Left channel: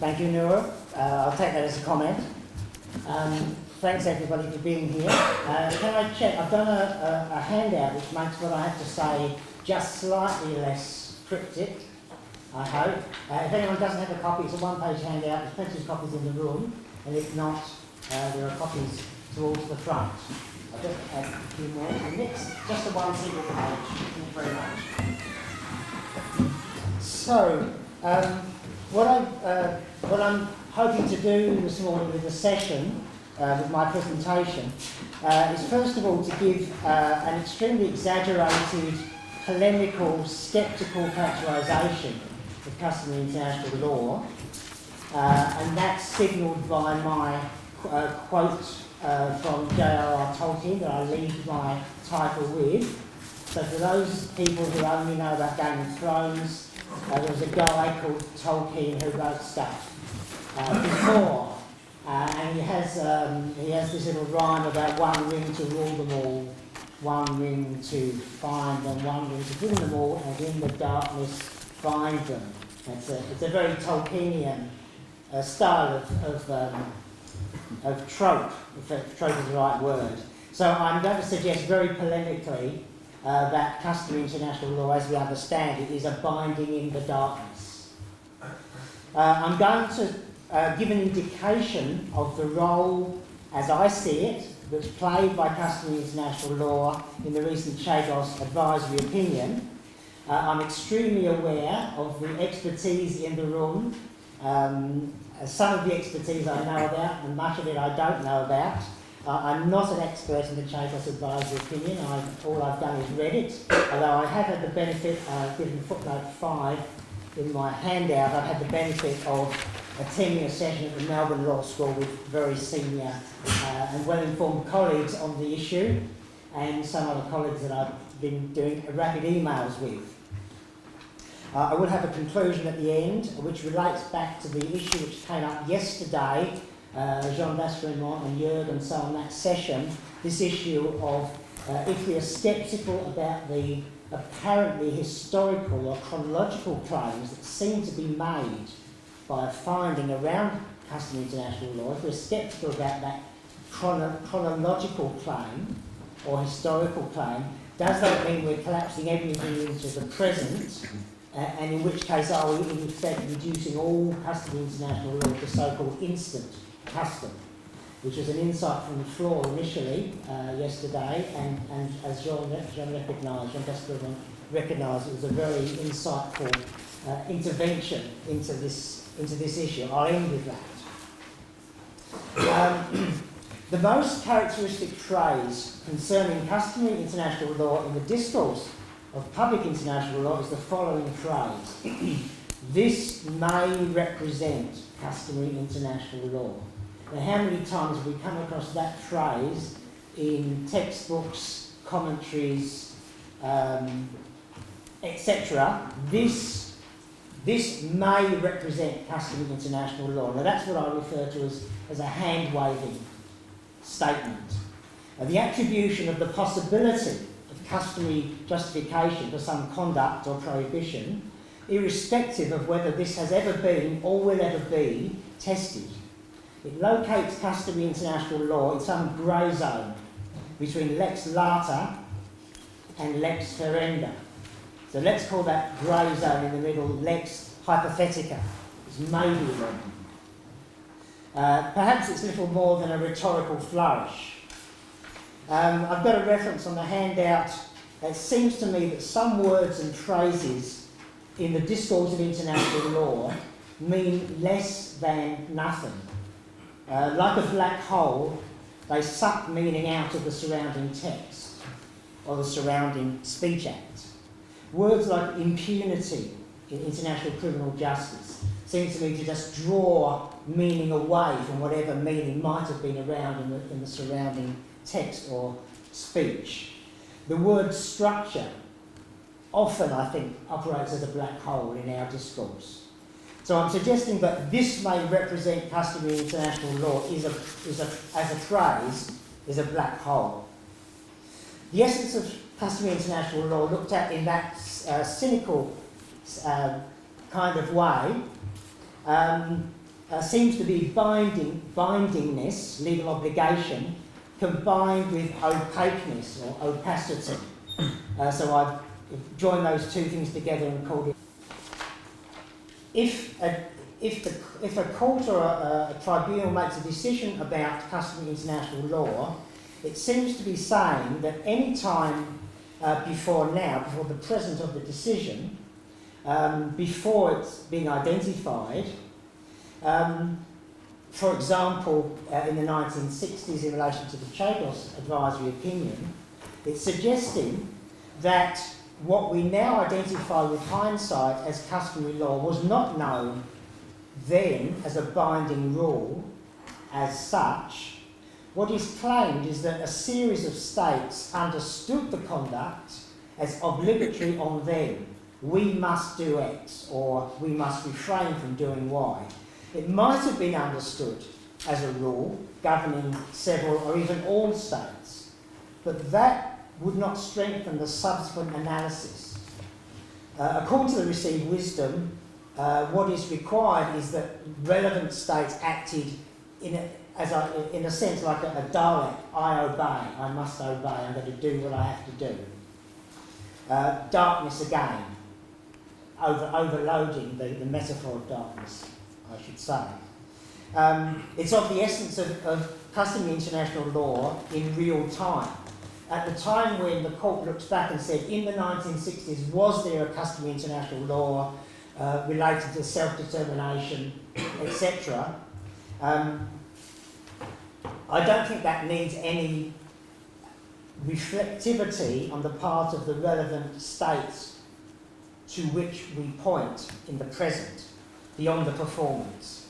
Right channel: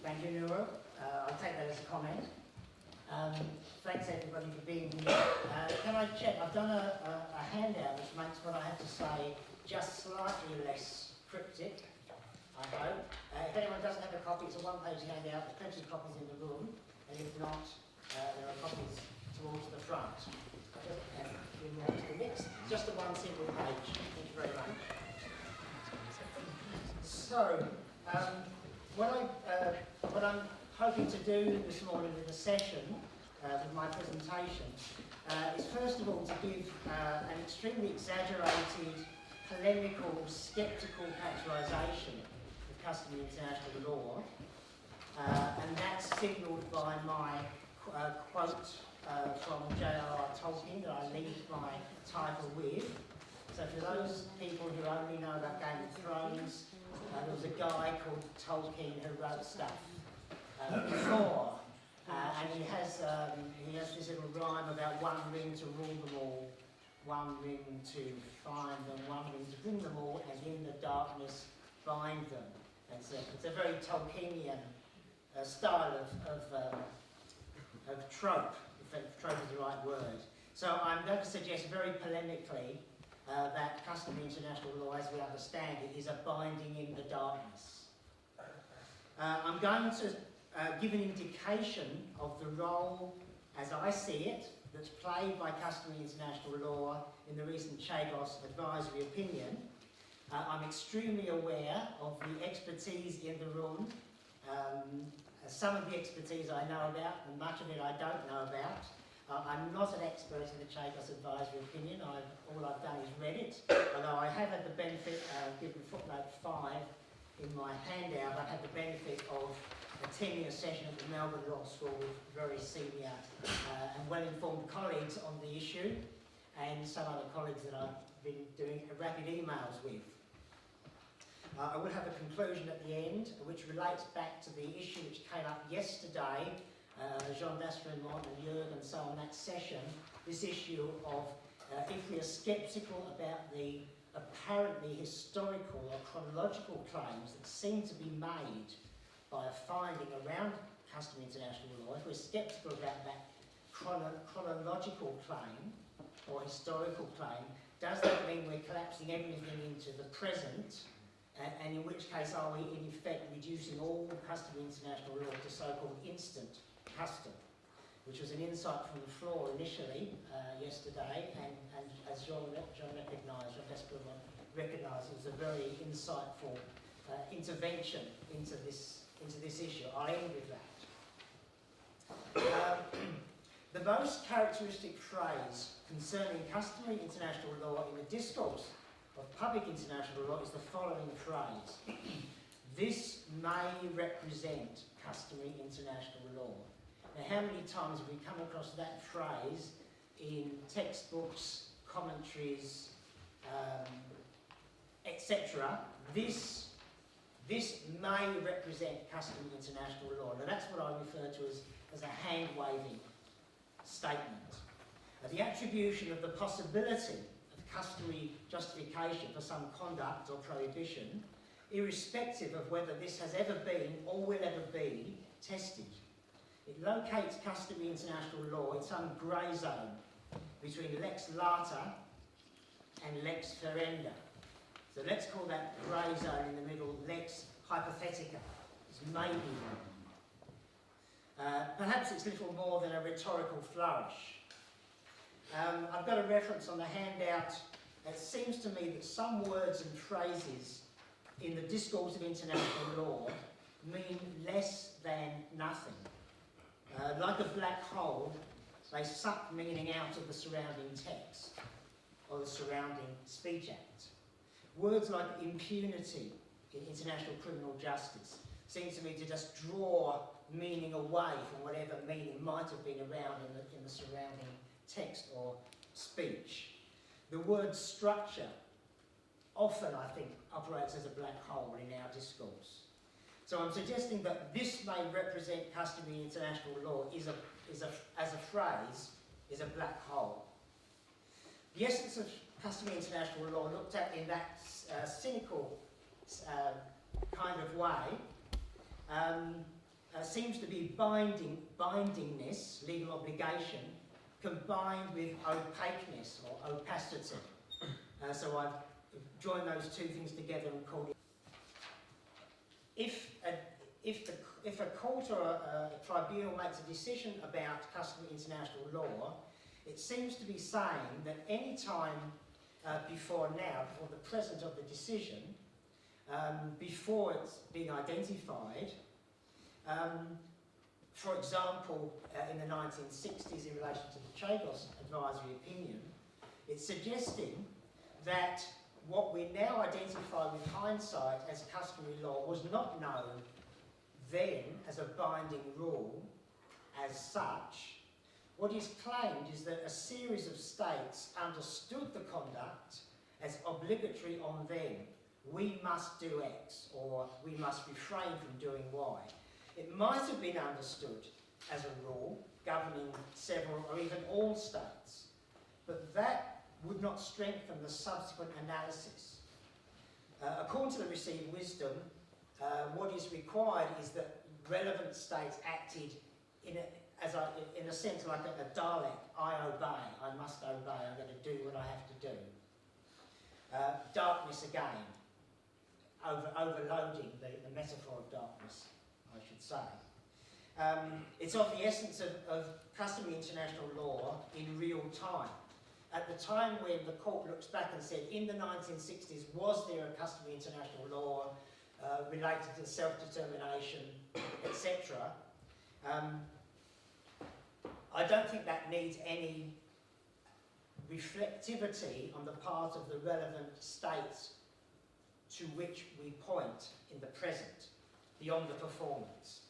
Thank you, Noura. I'll take that as a comment. Thanks everybody for being here. Can I check? I've done a handout which makes what I have to say just slightly less cryptic, I hope. If anyone doesn't have a copy, it's a one-page handout. There's plenty of copies in the room, and if not, there are copies towards the front. I'll just add a few more. The next, just a one single page. Thank you very much. So, what I'm hoping to do this morning with the session, with my presentation, is first of all to give an extremely exaggerated, polemical, sceptical characterisation of customary international law, and that's signalled by my quote from J.R.R. Tolkien that I leave my title with. So for those people who only know about Game of Thrones, there was a guy called Tolkien who wrote stuff before, and he has this little rhyme about one ring to rule them all, one ring to find them, one ring to bring them all, and in the darkness find them. It's a very Tolkienian style of trope, if trope is the right word. So I'm going to suggest very polemically that customary international law, as we understand it, is a binding in the darkness. I'm going to give an indication of the role, as I see it, that's played by customary international law in the recent Chagos advisory opinion. I'm extremely aware of the expertise in the room. Some of the expertise I know about, and much of it I don't know about. I'm not an expert in the Chagos advisory opinion. All I've done is read it, although I have had the benefit, given footnote 5 in my handout, I've had the benefit of attending a session at the Melbourne Law School with very senior and well-informed colleagues on the issue, and some other colleagues that I've been doing rapid emails with. I will have a conclusion at the end, which relates back to the issue which came up yesterday. Jean Dasremont and Jürg and so on that session, this issue of if we are sceptical about the apparently historical or chronological claims that seem to be made by a finding around customary international law, if we're sceptical about that chronological claim or historical claim, does that mean we're collapsing everything into the present? And in which case are we in effect reducing all customary international law to so-called instant custom, which was an insight from the floor initially yesterday, and as Jean recognised, it was a very insightful intervention into this issue. I'll end with that. The most characteristic phrase concerning customary international law in the discourse of public international law is the following phrase: this may represent customary international law. Now, how many times have we come across that phrase in textbooks, commentaries, etc.? This may represent customary international law. Now, that's what I refer to as a hand-waving statement. The attribution of the possibility of customary justification for some conduct or prohibition, irrespective of whether this has ever been or will ever be tested. It locates customary international law in some grey zone between lex lata and lex ferenda. So let's call that grey zone in the middle lex hypothetica. It's maybe wrong. Perhaps it's little more than a rhetorical flourish. I've got a reference on the handout. It seems to me that some words and phrases in the discourse of international law mean less than nothing. Like a black hole, they suck meaning out of the surrounding text or the surrounding speech act. Words like impunity in international criminal justice seem to me to just draw meaning away from whatever meaning might have been around in the surrounding text or speech. The word structure often, I think, operates as a black hole in our discourse. So I'm suggesting that this may represent customary international law as a phrase is a black hole. The essence of customary international law looked at in that cynical kind of way seems to be bindingness, legal obligation, combined with opaqueness or opacity. So I've joined those two things together and called it. If a court or a tribunal makes a decision about customary international law, it seems to be saying that any time before the present of the decision, before it's been identified, for example, in the 1960s in relation to the Chagos advisory opinion, it's suggesting that what we now identify with hindsight as customary law was not known then as a binding rule as such. What is claimed is that a series of states understood the conduct as obligatory on them. We must do X, or we must refrain from doing Y. It might have been understood as a rule governing several or even all states, but that would not strengthen the subsequent analysis. According to the received wisdom, what is required is that relevant states acted in a sense like a Dalek. I obey, I must obey, I'm going to do what I have to do. Darkness again, overloading the metaphor of darkness, I should say. It's of the essence of customary international law in real time. At the time when the court looks back and said, in the 1960s, was there a customary international law related to self-determination, etc.? I don't think that needs any reflectivity on the part of the relevant states to which we point in the present, beyond the performance.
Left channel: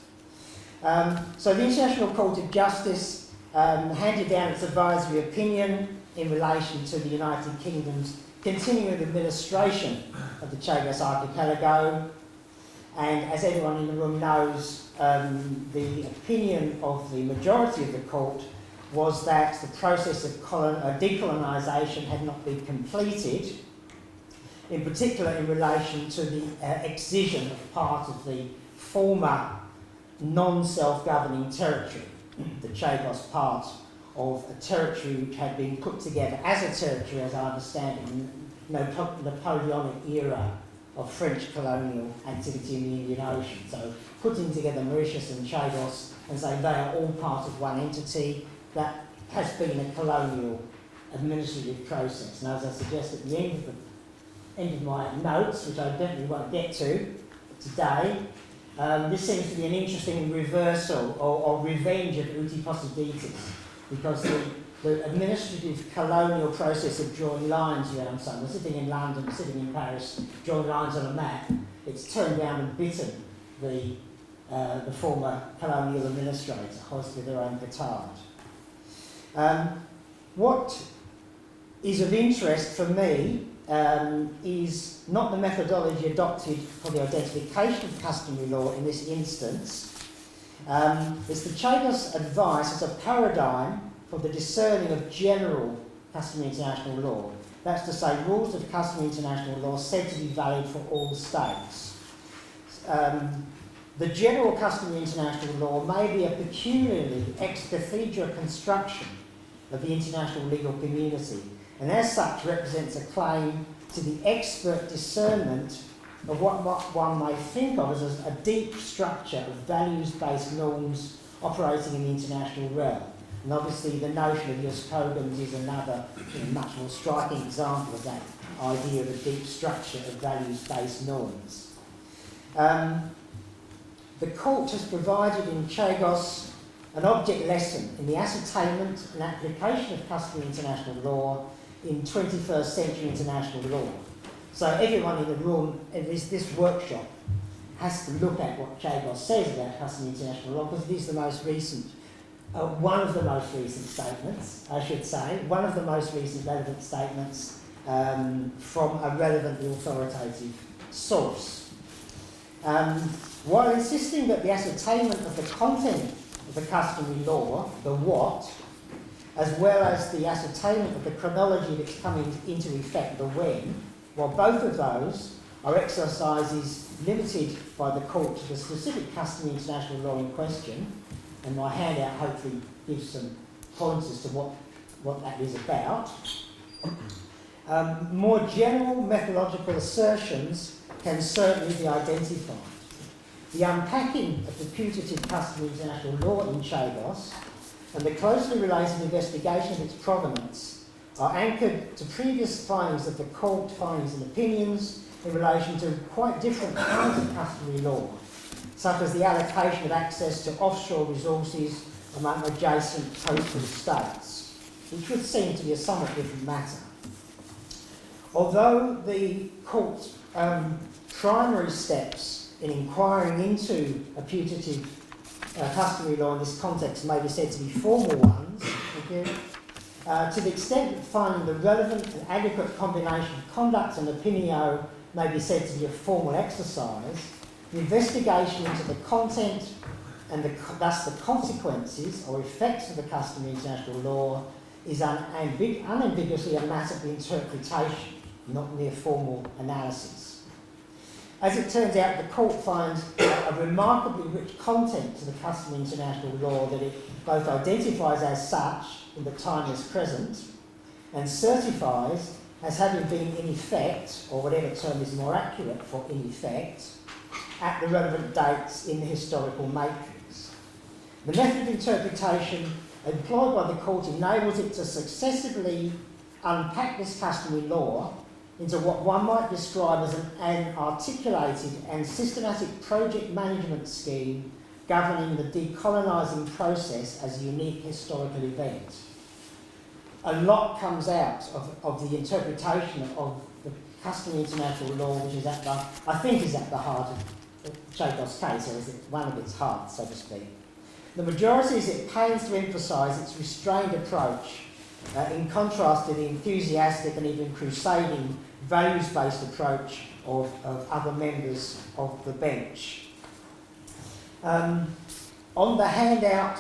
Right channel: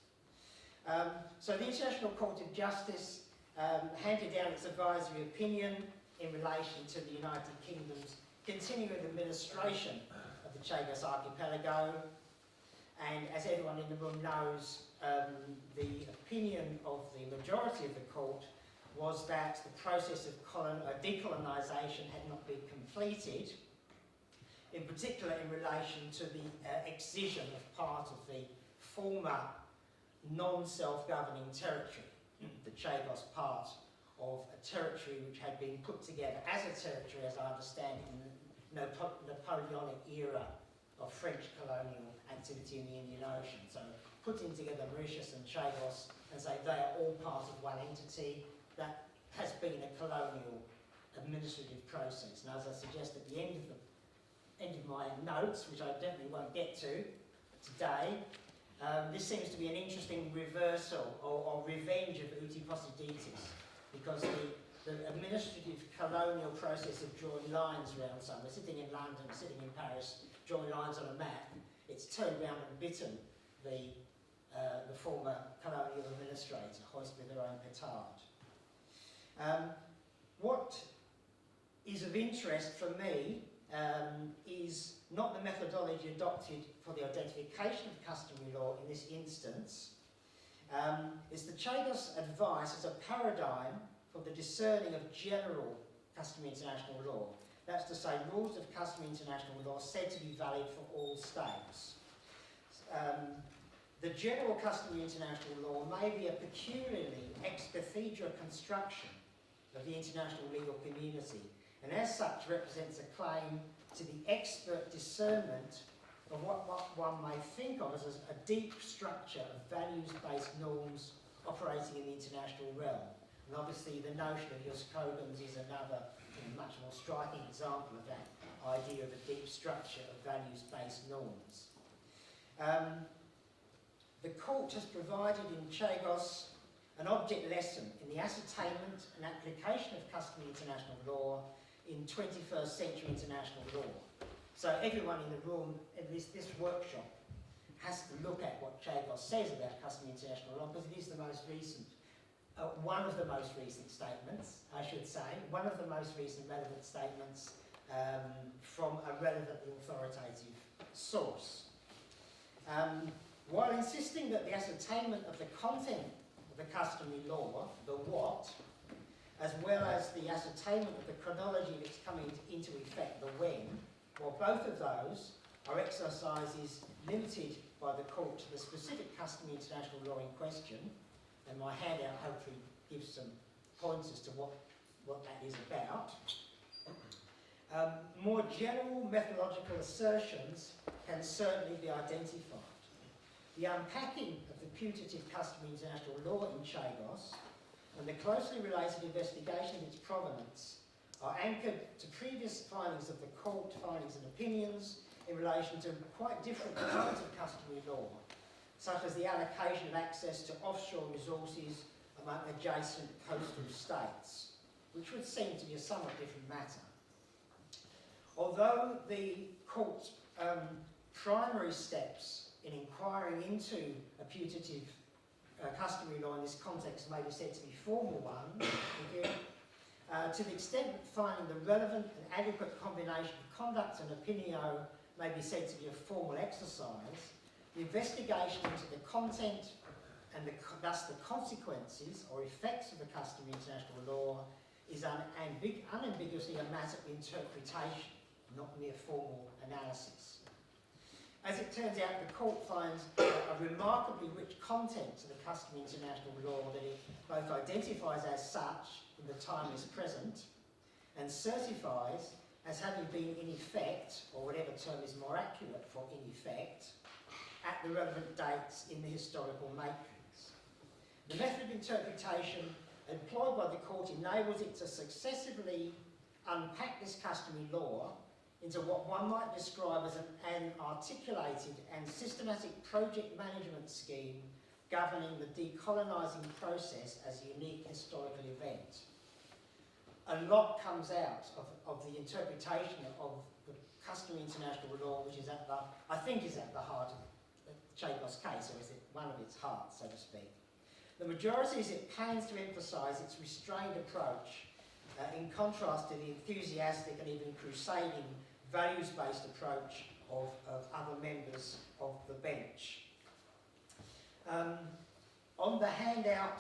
So the International Court of Justice handed down its advisory opinion in relation to the United Kingdom's continuing administration of the Chagos Archipelago, and as everyone in the room knows, the opinion of the majority of the court was that the process of decolonisation had not been completed, in particular in relation to the excision of part of the former non-self-governing territory, the Chagos part of a territory which had been put together as a territory, as I understand it, in the Napoleonic era of French colonial activity in the Indian Ocean. So putting together Mauritius and Chagos and saying they are all part of one entity, that has been a colonial administrative process. And as I suggest at the end of my notes, which I definitely won't get to today, this seems to be an interesting reversal or revenge of uti possidetis, because the administrative colonial process of drawing lines around somewhere, sitting in London, sitting in Paris, drawing lines on a map, it's turned round and bitten the former colonial administrators, hoisted their own petard. What is of interest for me is not the methodology adopted for the identification of customary law in this instance. It's the Chagos advice as a paradigm for the discerning of general customary international law. That's to say, rules of customary international law said to be valid for all states. The general customary international law may be a peculiarly ex cathedra construction of the international legal community, and as such represents a claim to the expert discernment of what one may think of as a deep structure of values-based norms operating in the international realm. And obviously the notion of Jus Cogens is another much more striking example of that idea of a deep structure of values-based norms. The court has provided in Chagos an object lesson in the ascertainment and application of customary international law in 21st century international law. So everyone in the room in this workshop has to look at what Chagos says about customary international law, because it is the most recent, one of the most recent statements, I should say, one of the most recent relevant statements from a relevant authoritative source. While insisting that the ascertainment of the content of the customary law, the what, as well as the ascertainment of the chronology of its coming into effect, the when, while both of those our exercise is limited by the court to the specific customary international law in question, and my handout hopefully gives some pointers to what that is about. More general methodological assertions can certainly be identified. The unpacking of the putative customary international law in Chagos and the closely related investigation of its provenance are anchored to previous findings of the court, findings and opinions in relation to quite different kinds of customary law, such as the allocation of access to offshore resources among adjacent coastal states, which would seem to be a somewhat different matter. Although the court's primary steps in inquiring into a putative customary law in this context may be said to be formal ones, to the extent that finding the relevant and adequate combination of conduct and opinio may be said to be a formal exercise, the investigation into the content and thus the consequences or effects of the customary international law is unambiguously a matter of interpretation, not mere formal analysis. As it turns out, the court finds a remarkably rich content to the customary international law that it both identifies as such in the timeless present and certifies as having been in effect, or whatever term is more accurate for in effect, at the relevant dates in the historical matrix. The method of interpretation employed by the court enables it to successively unpack this customary law into what one might describe as an articulated and systematic project management scheme governing the decolonising process as a unique historical event. A lot comes out of the interpretation of the customary international law, which is I think is at the heart of Chagos' case, or is it one of its hearts, so to speak. The majority is it pains to emphasise its restrained approach in contrast to the enthusiastic and even crusading values-based approach of other members of the bench. On the handout,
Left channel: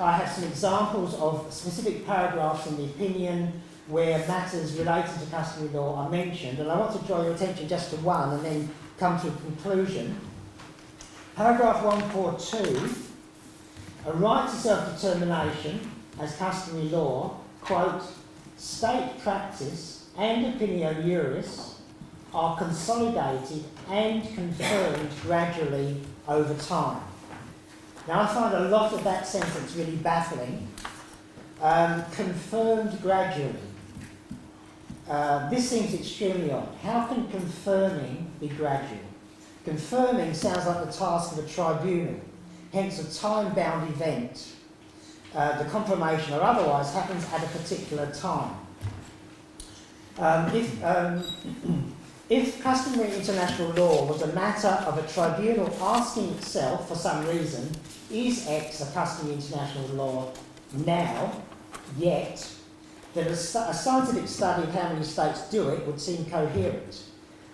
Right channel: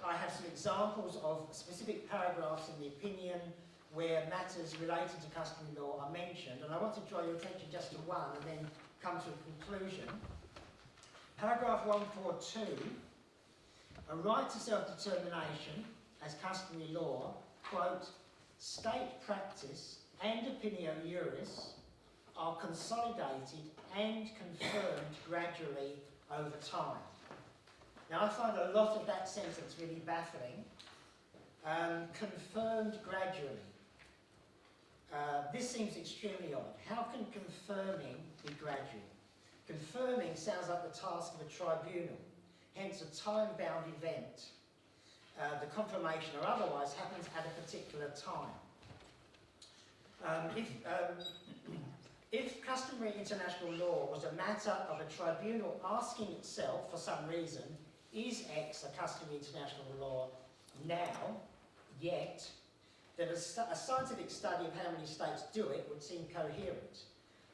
I have some examples of specific paragraphs in the opinion where matters related to customary law are mentioned, and I want to draw your attention just to one and then come to a conclusion. Paragraph 142, a right to self-determination as customary law, quote, state practice and opinio juris are consolidated and confirmed gradually over time. Now I find a lot of that sentence really baffling. Confirmed gradually. This seems extremely odd. How can confirming be gradual? Confirming sounds like the task of a tribunal, hence a time-bound event. The confirmation or otherwise happens at a particular time. If customary international law was a matter of a tribunal asking itself for some reason, is X a customary international law now, yet, then a scientific study of how many states do it would seem coherent.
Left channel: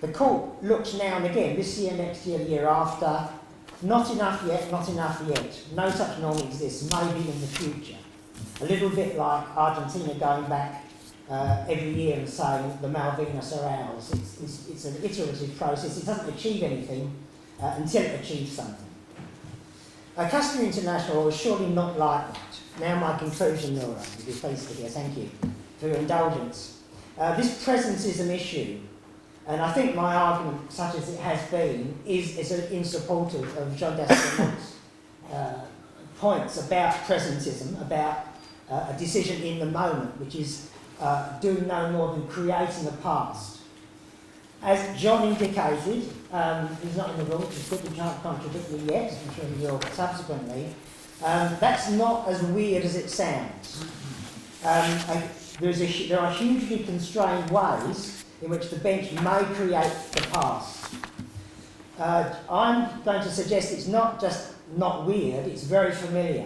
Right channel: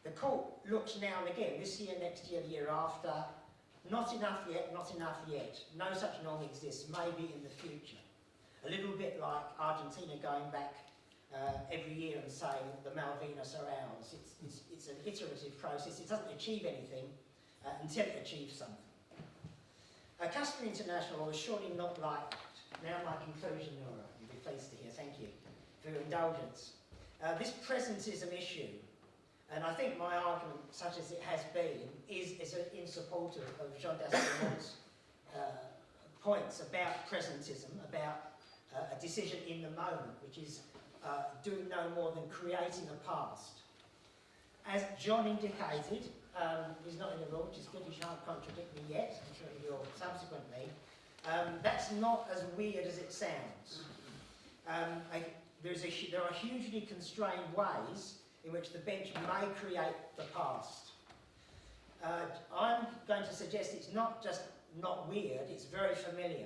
The court looks now and again, this year, next year, the year after, not enough yet, not enough yet. No such norm exists, maybe in the future. A little bit like Argentina going back every year and saying the Malvinas are ours. It's an iterative process. It doesn't achieve anything until it achieves something. Customary international is surely not like that. Now my conclusion, Nora, you'll be pleased to hear. Thank you for your indulgence. This presentism issue, and I think my argument, such as it has been, is in support of Jean Daston's points about presentism, about a decision in the moment, which is doing no more than creating a past. As John indicated, he's not in the room, so he can't contradict me yet, I'm sure he will subsequently. That's not as weird as it sounds. There are hugely constrained ways in which the bench may create the past. I'm going to suggest it's not just not weird, it's very familiar.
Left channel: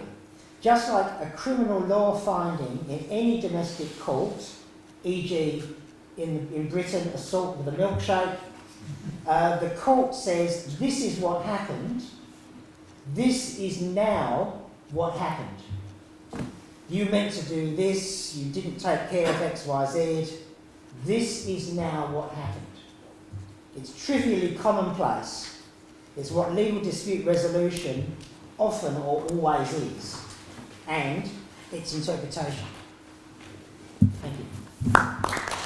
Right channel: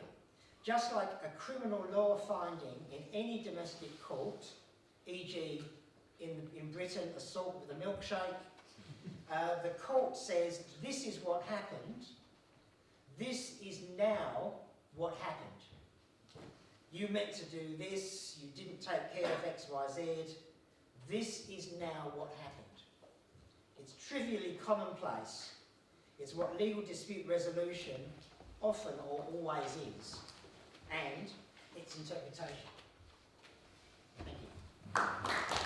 Just like a criminal law finding in any domestic court, e.g. in Britain, assault with a milkshake, the court says, this is what happened, this is now what happened. You meant to do this, you didn't take care of X, Y, Z, this is now what happened. It's trivially commonplace. It's what legal dispute resolution often or always is, and its interpretation. Thank you.